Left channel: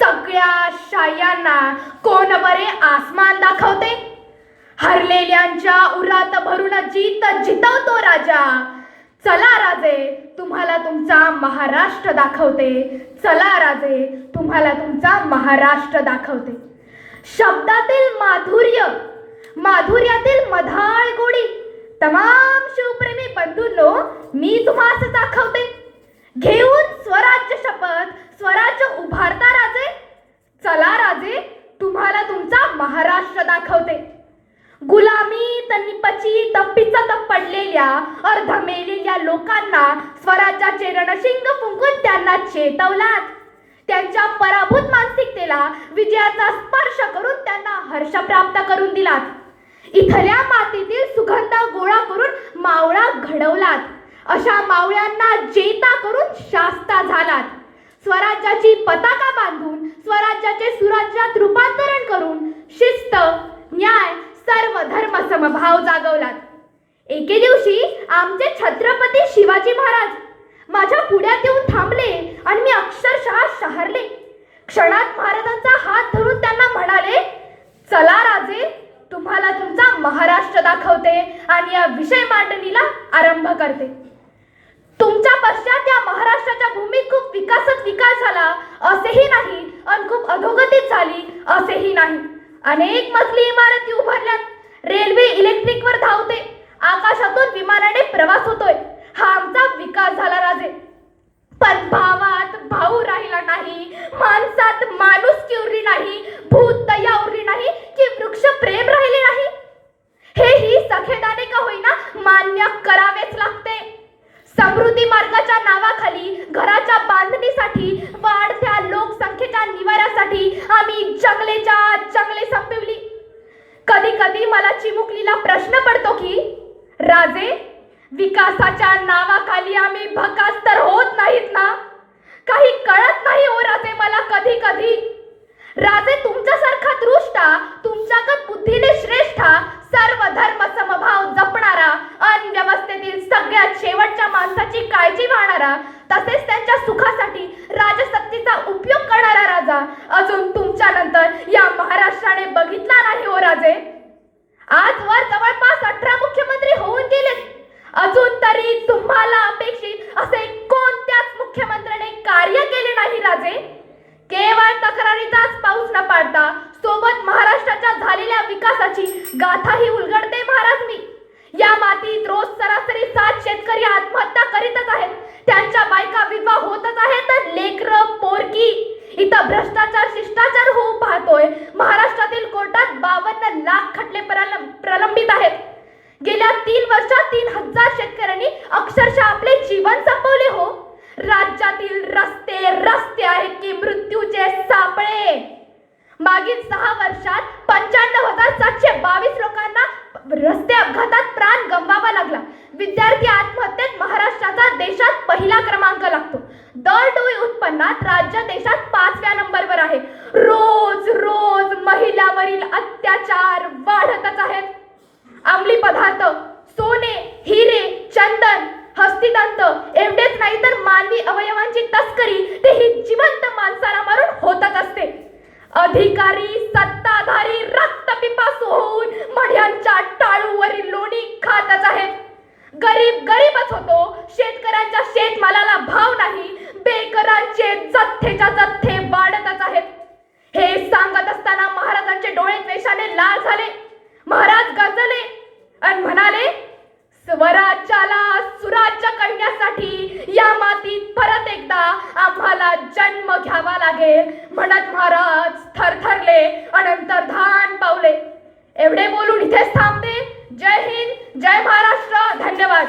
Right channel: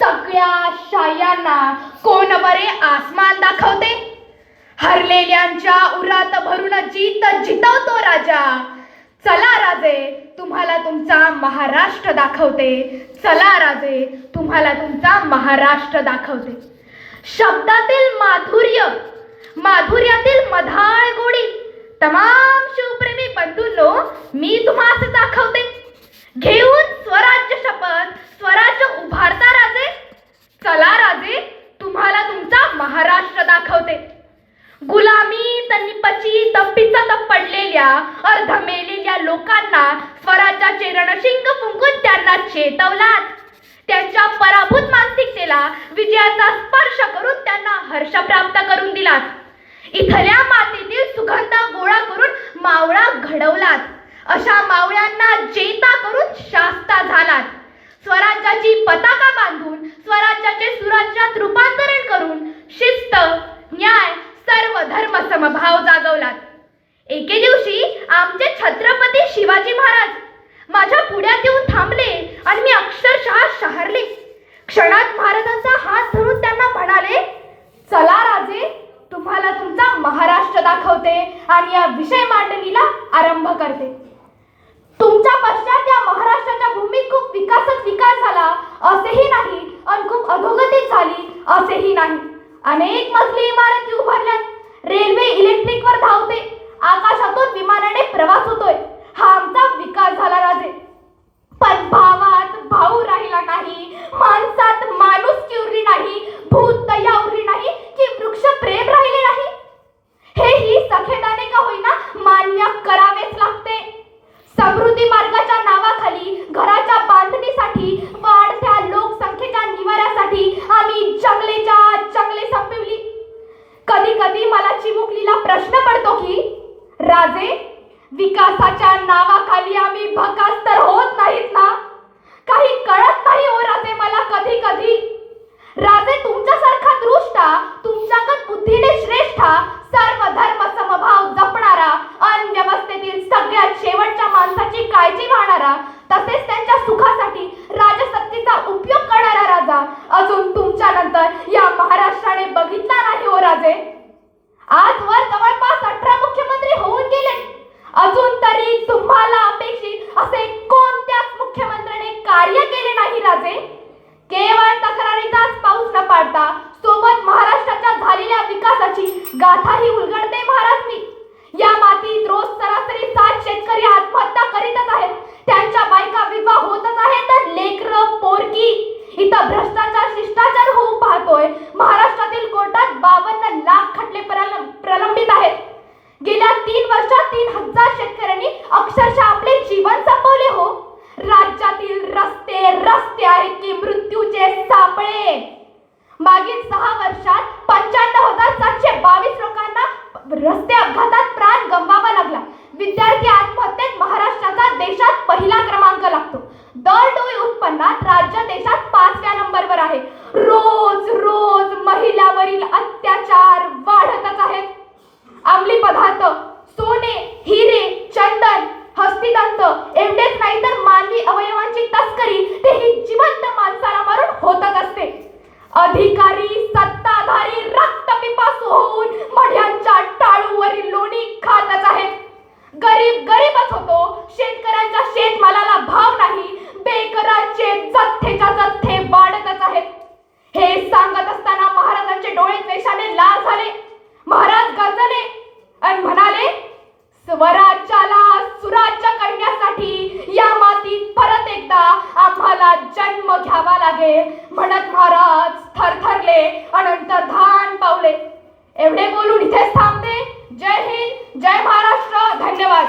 सगळ्या शायांना कोण बरे आसमान दाखवते. हरलेल्यांच्या उरात भरून जीत जितवतो राजा. चला राजे, तुम्हाला तुमचा महाराष्ट्र दाखवते. चला राजे, तुम्हाला तुमचा महाराष्ट्र दाखवते. शब्दातील माधुर्य, माधुर्यातील मधाळ गोडी, तमाम शिवप्रेमी बंधूंनो, मी तुम्हाला दाखवते. घेऊन स्वराज्य शपथ, स्वराज्य उभारता राजे. चला राजे, तुम्हाला तुमचा महाराष्ट्र दाखवते. गुलामी तनिपची तप्पीचा पडलेल्या अर्ध मेलेल्या लोकांना स्वराज्याचे रणशिंग फुंकून त्यांना चेतवलात. त्यांच्या पराभूत मानसिकतेला विजयाचा स्पर्श करून त्यांना हर्ष प्राप्त करून दिलात. इथल्या मातीतील सुगंध गोळा करून मावळा घडवलात. अशा मावळ्यांना जेता करून शास्ता झालात. स्वराज्याची पताका बांधून स्वराज्याचे सुराज्यात रूपांतरण करून शिस्त, न्याय, सर्व धर्म समभाव जागवलात. एके दिवशी आमचे छत्रपती शिवाजी महाराज माझ्या पुढ्यात येऊन थांबले आणि मी अक्षरशः शहरले. क्षणात महाराजांचा हात धरून त्यांना म्हणाले, चला राजे, तुम्हाला तुमचा महाराष्ट्र दाखवते आणि या विषय मांडणीला आरंभ करते. तुमच्या पश्चात या महाराष्ट्राच्या भूमीत खूप विकासच विकास झाला असेही नाही आणि खूप अधोगतीच झाली असेही नाही. अनेक मजली इमारती उभारल्यात. रेल्वे इलेक्ट्रिकवर धावते. आकाशातून विमानाने प्रवास होतोय. हा आमचा विकास झाला राजे. पण भावात भाऊ राहिला नाही, माणसात माणुसकी उरली नाही, भूत दया उरली नाही की वृक्ष प्रेम राहिले नाही. हे ही सखेदाने का होईना मान्य करावेच लागते. समृद्धी मार्गाच्या नावाखाली घराच्या बांधणीसाठी, वाढत्या लोकसंख्येच्या निवाऱ्यासाठी आम्ही जंगलेच्या जंगले संपवली. कधी कधी मला चिमुकलीला प्रश्न पडतो की राजे, विकासाच्या नावाखाली आम्ही भकास तर होत नाहीत ना? काही कळत नाही हो राजे मला कधी कधी. राजे, तुमच्यासारखा दृष्टा, तुमच्यागत बुद्धीने श्रेष्ठा, सर्व धर्म समभाव जपणारा, अनव्यवस्थेतील सगळ्यात शेवटच्या माणसाची काळजी वाहणारा, तसेच त्यांच्या सुखासाठी राजसत्तेचा उपयोग करणारा राजा अजून तुमच्या नंतर या महाराष्ट्राने बघितला नाही हो राजे. आजवर जवळपास 18 मुख्यमंत्री होऊन गेले. अजून तरी तुम्हाला अपेक्षित असे कोणत्याच मुख्यमंत्र्याने कार्य केले नाही राजे. केवळ तक्रारीचाच पाऊस न पाडता सोबत महाराष्ट्राच्या झालेल्या विकासाची गाथाही उलगडते महाराज मी. या मातीत रोज सरासरी 7 शेतकरी आत्महत्या करीतच आहेत. त्यांच्या बायका विधवा होतच आहेत तर लेकरं पोरकी. इथं भ्रष्टाचार शिष्टाचार होऊ पाहतोय. महाराष्ट्रातील कोर्टात 52 लाख खटले प्रलंबित आहेत. गेल्या 3 वर्षात 3000 शेतकऱ्यांनी अक्षरशः आपले जीवन संपवले हो. राज्यातील रस्ते रस्ते आहेत की मृत्यूचे सापळे. मागील 6 वर्षात 95,722 लोकांना रस्ते अपघातात प्राण गमवावा लागला. विद्यार्थी आत्महत्येत महाराष्ट्राचा देशात पहिला क्रमांक लागतो. दर डोळी उत्पन्नात राज्य देशात 5व्या नंबरवर आहे. रोज रोज महिलांवरील अत्याचार वाढतच आहेत. अंमली पदार्थ, सोने, हिरे, चंदन, हस्तिदंत एवढेच नाही तर मानवी अवयवांची तस्करी तेही जिवंत माणसाला मारून होतच असते. अधिकारी सत्ताधारी रक्तपिपासू होऊन मढ्यांच्या टाळूवरील लोणी खातच आहेत. गरीब गरीबच होतो. शेतकऱ्यांच्या शेतमालाला भाव नाही. बेघरांचे जथ्थेच्या जथ्थे वाढतच आहेत. हे सांगत असताना महाराजांचे डोळे द्वेषाने लाल झाले. महाराज गरजले आणि म्हणाले, स्वराज्याला सुराज्य करण्यासाठी या मातीत परत एकदा आम्हाला जन्म घ्यावा लागेल. म्हणत महाराज थरथरले, अनंतर धान पावले. एवढे बोलून इथेच थांबते. जय हिंद, जय महाराष्ट्र. धन्यवाद.